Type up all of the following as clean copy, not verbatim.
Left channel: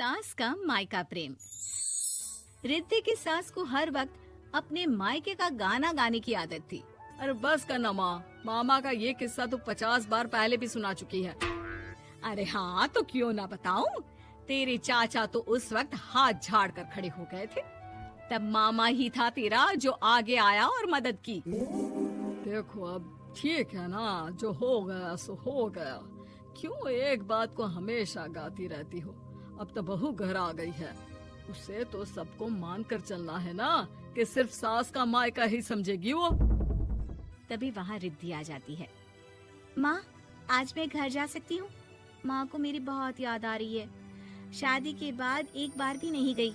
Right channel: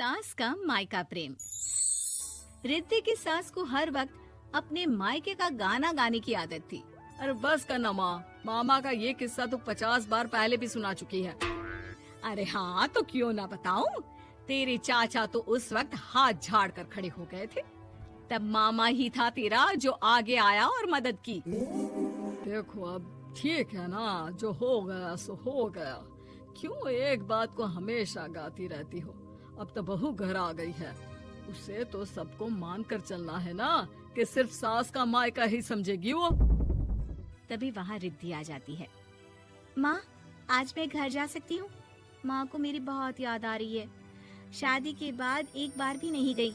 सास का मायका प्रेम। रिद्धि की सास को हर वक्त अपने मायके का गाना गाने की आदत थी। अरे बस करना माँ, मामा का ये किस्सा तो 50 बार पहले भी सुना चुकी है। अरे हाँ, तो क्यों ना बताऊं। तेरे चाचा तो उस वक्त हाथ झाड़ कर खड़े हो गए थे। तब मामा ही था तेरा जो आगे आया और मदद की। देखो अब ठीक है ना, जो हो गया सो हो गया। क्यों एक बात को हमेशा गाती रहती हो। अब तो बहू घर आ गई है, उसे तो सबको मान कर चलना है ना, कि सिर्फ सास का मायका ही समझेगी वो। तभी वहाँ रिद्धि आ जाती है। माँ, आज मैं घर जा सकती हूँ? माँ को मेरी बहुत याद आ रही है। शादी के बाद एक बार भी नहीं गई।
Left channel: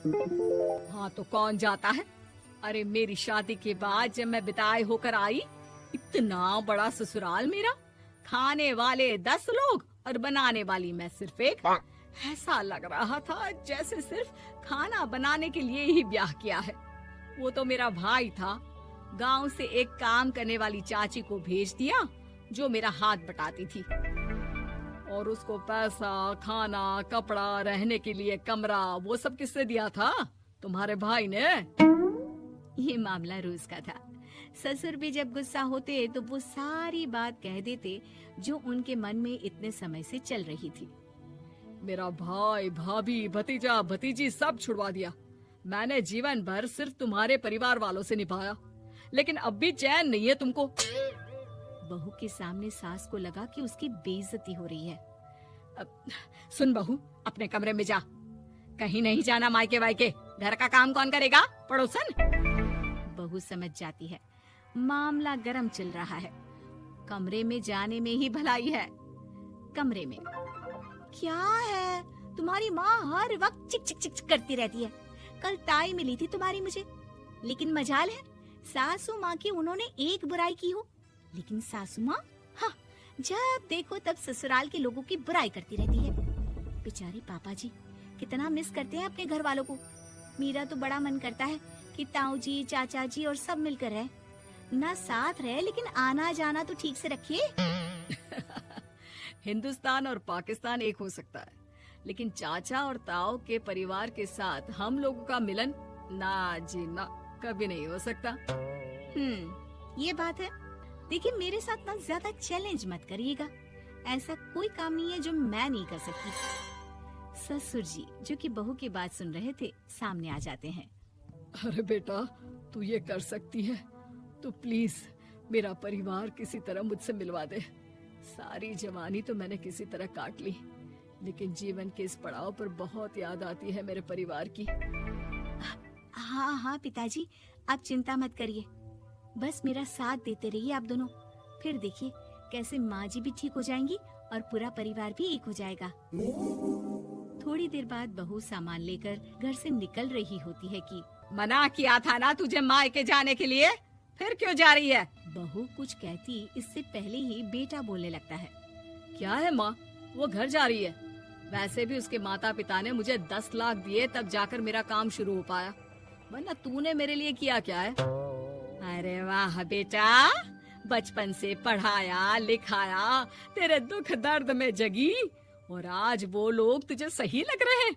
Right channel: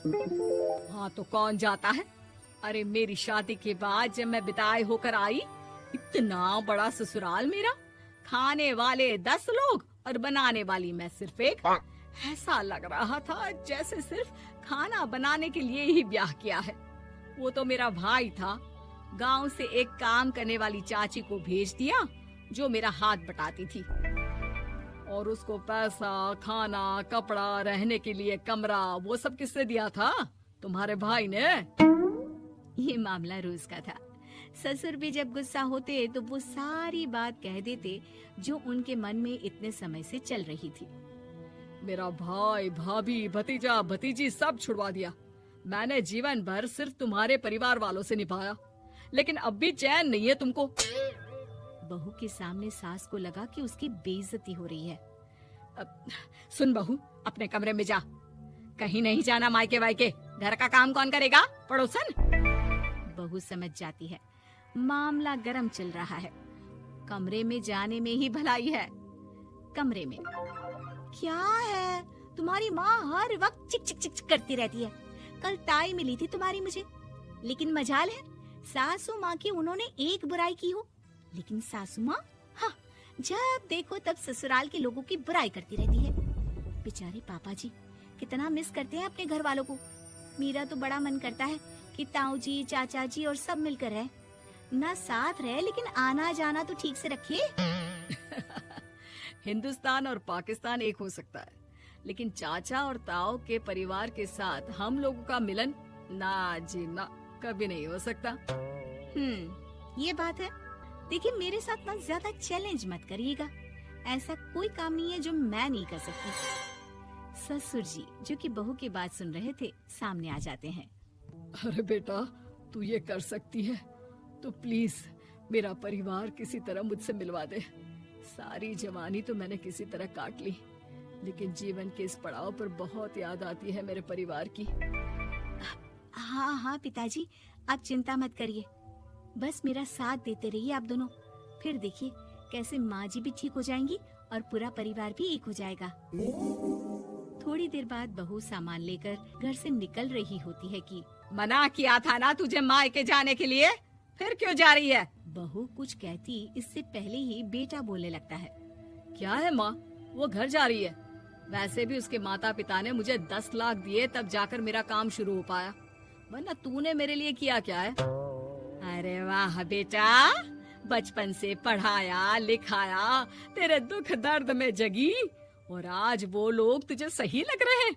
हाँ तो कौन जाता है। अरे मेरी शादी के बाद जब मैं विदाई होकर आई, इतना बड़ा ससुराल मेरा, खाने वाले 10 लोग और बनाने वाली मैं सिर्फ एक। ऐसा लग रहा था जैसे सिर्फ खाना बनाने के लिए ही ब्याह किया है। वो तो मेरा भाई था, गांव से एक काम करने वाली चाची को भेज दिया जो मेरा हाथ पटाती थी, और उसको पैसा, खाना, कपड़ा, रहने के लिए कमरा, वो सब किसने दिया था? तुम्हारे भाई ने। ये मामला रोज का था। ससुर भी जब गुस्सा होते तो वो सारी बात कह देते जो उनके मन में इतने समय से चल रही थी। मेरा भाई, भाभी, भतीजा, भतीजी सब छुड़वा दिया। मैंने जीवन भर सिर्फ तुम्हारे परिवार वालों से निभाया, लेकिन अब भी चैन नहीं है तुमको। बहू के सामने सास को लगा कि उसकी बेइज्जती हो रही है। अब सुन बहू, अपने कमरे में जा, कहीं नहीं जाना मायके वायके। घर का काम कौन करेगा? पड़ोसन। बहू समझ जाती है मामला गर्म चल रहा है। कमरे में जाने में ही भलाई है। कमरे में क्या है? तुम्हारी माँ हर वक्त चिक चिक चिक चिक करती रहती है। कल ताई मिली थी तुम्हारी मुझे, लेकिन मजाल है सासू माँ की उन्होंने एक बुराई की हो, लेकिन सासू माँ हाँ, जब देखो तब ससुराल के लोगों की बुराई करती रहती है। बेचारे पापा जी कितना मिस करते हैं अपने घर वालों को। मेरा तो बड़ा मन करता है कि ताऊ जी, चाचा जी और सब मिलकर रहे, ना साथ रहे लेकिन आना जाना तो ठीक से रखे। हिंदुस्तान और पाकिस्तान एक हो सकता है, लेकिन चाचा और ताऊ के परिवार के साथ हम लोगों का मिलन ना जी ना, कभी नहीं हो सकता। ये बात है। देखिए मेरे साथ ना ज्यादा चैलेंज मत करिएगा। ऐसा कोई काम नहीं है जो मैं नहीं कर सकती। ससुर जी जो कि बहू की बात सुन रहे थे सामने आ जाते हैं। अरे बेटा, तू ये कर सकती है तो प्लीज मेरा परिवार किसी तरह मुझसे मिलवा दे। सारी जवानी तो मैंने किसी तरह काट ली, लेकिन जीवन के इस पड़ाव पर बहुत याद आती है मेरे परिवार की। हाँ हाँ पिताजी, आप चिंता मत करिए, बस मेरा साथ देते रहिए आप दोनों। फिर देखिए कैसे माँ जी भी ठीक हो जाएंगी और पूरा परिवार भी एक हो जाएगा। थोड़ी देर बाद बहू सामान लेकर घर से निकल रही होती है कि मना किया था ना तुझे मायके जाने के लिए, फिर क्यों जा रही है? बहू कुछ कहती इससे पहले ही बेटा बोलने लगता है। क्या है माँ, वो घर जा रही है। वैसे भी उसके माता पिता ने मुझे 10 लाख दिए तब जाकर मेरा काम शुरू हो पाया, वरना तूने मेरे लिए किया क्या है? अरे वाह बेटा, बचपन से पढ़ाया लिखाया, तेरे दुख दर्द में जगी, और आज वो लोग तुझे सही लग रहे हैं।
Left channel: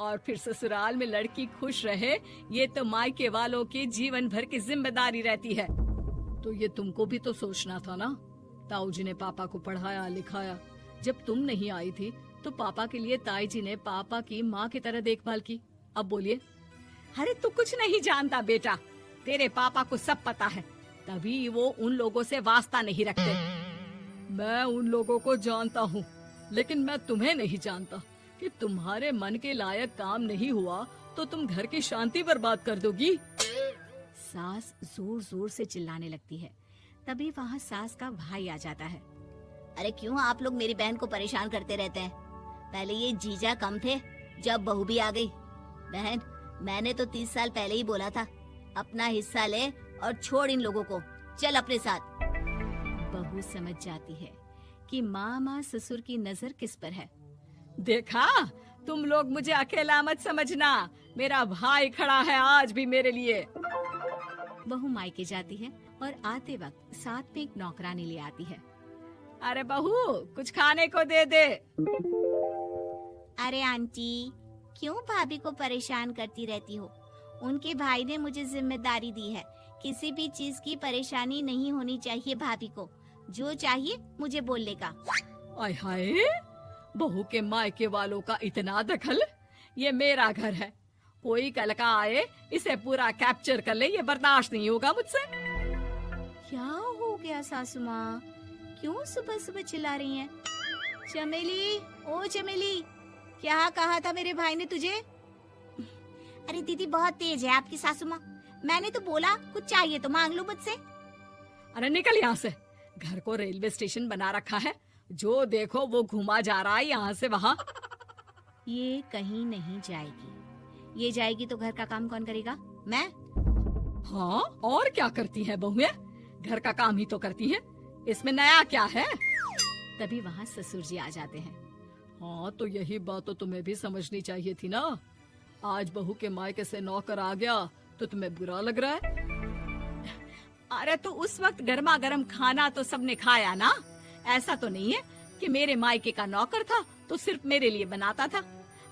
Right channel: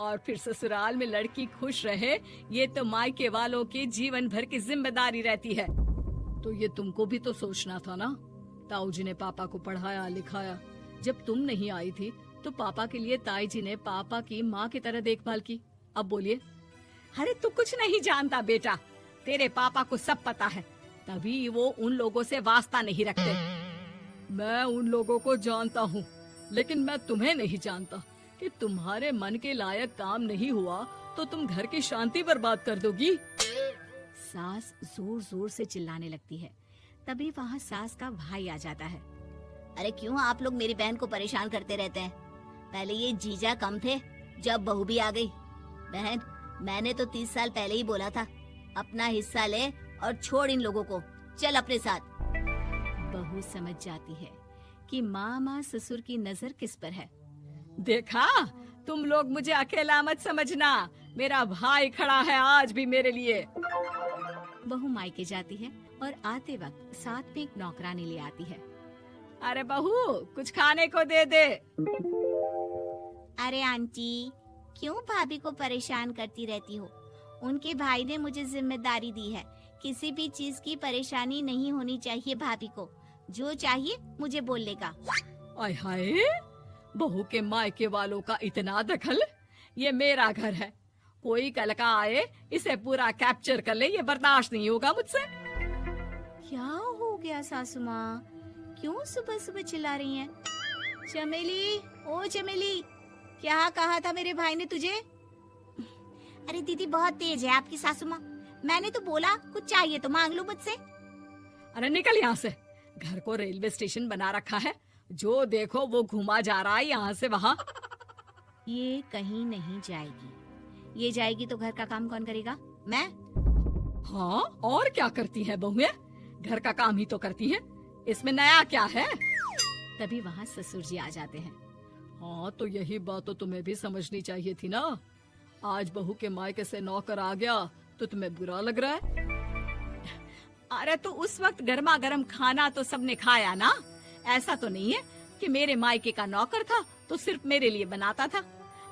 और फिर ससुराल में लड़की खुश रहे, ये तो मायके वालों की जीवन भर की जिम्मेदारी रहती है। तो ये तुमको भी तो सोचना था ना। ताऊ जी ने पापा को पढ़ाया लिखाया, जब तुम नहीं आई थी तो पापा के लिए ताई जी ने पापा की माँ की तरह देखभाल की। अब बोलिए। अरे तू कुछ नहीं जानता बेटा, तेरे पापा को सब पता है, तभी वो उन लोगों से वास्ता नहीं रखते। मैं उन लोगों को जानता हूँ, लेकिन मैं तुम्हें नहीं जानता कि तुम्हारे मन के लायक काम नहीं हुआ तो तुम घर की शांति बर्बाद कर दोगी। सास जोर जोर से चिल्लाने लगती है। तभी वहाँ सास का भाई आ जाता है। अरे क्यों आप लोग मेरी बहन को परेशान करते रहते हैं? पहले ये जीजा कम थे, जब बहू भी आ गई। बहन, मैंने तो 30 साल पहले ही बोला था, अपना हिस्सा ले और छोड़ इन लोगों को, चल अपने साथ। बहू समझ जाती है कि मामा ससुर की नजर किस पर है। देखा, तुम लोग मुझे अकेला मत समझना, मेरा भाई खड़ा है आज भी मेरे लिए। बहू मायके जाती है और आते वक्त साथ में एक नौकरानी ले आती है। अरे बहू, कुछ खाने को दे दे। अरे आंटी, क्यों भाभी को परेशान करती रहती हो? उनके भाई ने मुझे जिम्मेदारी दी है। किसी भी चीज की परेशानी नहीं होनी चाहिए भाभी को। जो चाहिए मुझे बोलने का। आय हाय, बहू के मायके वालों का इतना दखल। ये मेरा घर है, कोई कल का आए इसे पूरा कैप्चर कर ले, ये बर्दाश्त नहीं होगा मुझसे। क्या हो गया सासू माँ? क्यों सुबह सुबह चिल्ला रही हैं? चमेली, ओ चमेली, क्या कहा था मेरे भाई ने तुझे? अरे दीदी बहुत तेज है आपकी सासू माँ। मैंने तो बोला कुछ चाहिए तो मांग लो मुझसे। अरे निकल यहाँ से, घर को रेलवे स्टेशन बना रखा है, जो देखो वो घुमा जा रहा है यहाँ से वहाँ। ये कहीं नहीं जाएगी। ये जाएगी तो घर का काम कौन करेगा? मैं। हाँ, और क्या करती है बहुएं? घर का काम ही तो करती है, इसमें नया क्या है? तभी वहाँ ससुर जी आ जाते हैं। हाँ, तो यही बात तो तुम्हें भी समझनी चाहिए थी ना। आज बहू के मायके से नौकर आ गया तो तुम्हें बुरा लग रहा है? अरे तो उस वक्त गर्मा गर्म खाना तो सबने खाया ना। ऐसा तो नहीं है कि मेरे मायके का नौकर था तो सिर्फ मेरे लिए बनाता था।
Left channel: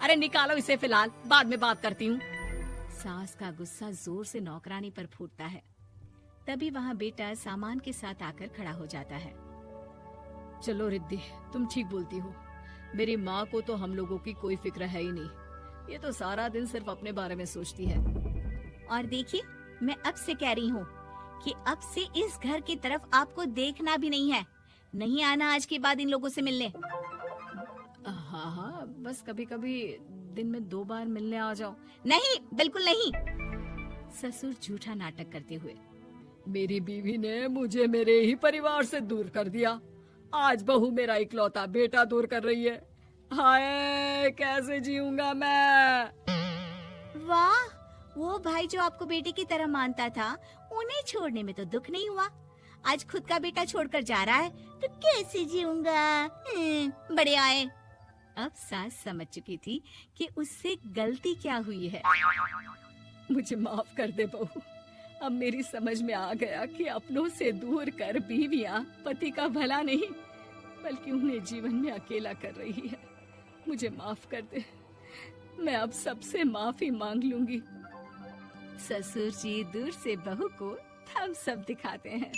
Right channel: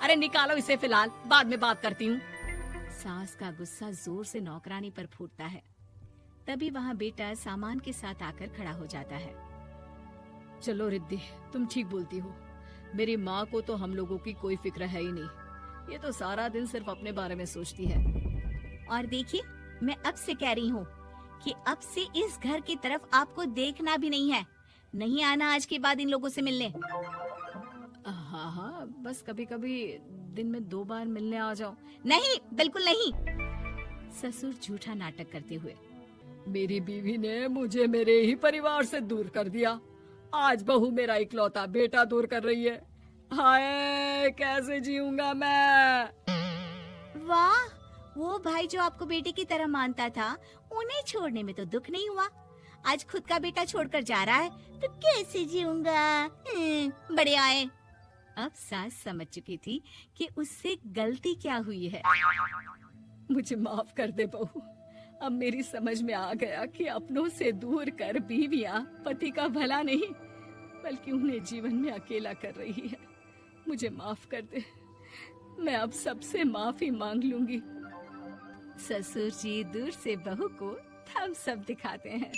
अरे निकालो इसे, फिलहाल बाद में बात करती हूँ। सास का गुस्सा जोर से नौकरानी पर फूटता है। तभी वहाँ बेटा सामान के साथ आकर खड़ा हो जाता है। चलो रिद्धि, तुम ठीक बोलती हो। मेरी माँ को तो हम लोगों की कोई फिक्र है ही नहीं, ये तो सारा दिन सिर्फ अपने बारे में सोचती है। और देखिए, मैं अब से कह रही हूँ कि अब से इस घर की तरफ आपको देखना भी नहीं है। नहीं आना आज के बाद इन लोगों से मिलने। हाँ, बस कभी कभी दिन में 2 बार मिलने आ जाओ। नहीं, बिल्कुल नहीं। ससुर झूठा नाटक करते हुए। मेरी बीवी ने मुझे मेरे ही परिवार से दूर कर दिया, आज बहू मेरा इकलौता बेटा दूर कर रही है। हाय, कैसे जीऊंगा मैं? वाह, वो भाई जो आपको बेटे की तरह मानता था, उन्हें छोड़ने में तो दुख नहीं हुआ। आज खुद का बेटा छोड़कर जा रहा है तो कैसे जीऊंगा? बड़े आए। अब सास समझ चुकी थी कि उससे गलती क्या हुई है। मुझे माफ कर दे बहू, अब मेरी समझ में आ गया कि अपनों से दूर कर बीवियां पति का भला नहीं बल्कि उन्हें जीवन में अकेला कर रही है। मुझे माफ कर दे, मैं अब सबसे माफी मांग लूंगी। ससुर जी दूर से बहू को थम्स अप दिखाते हैं।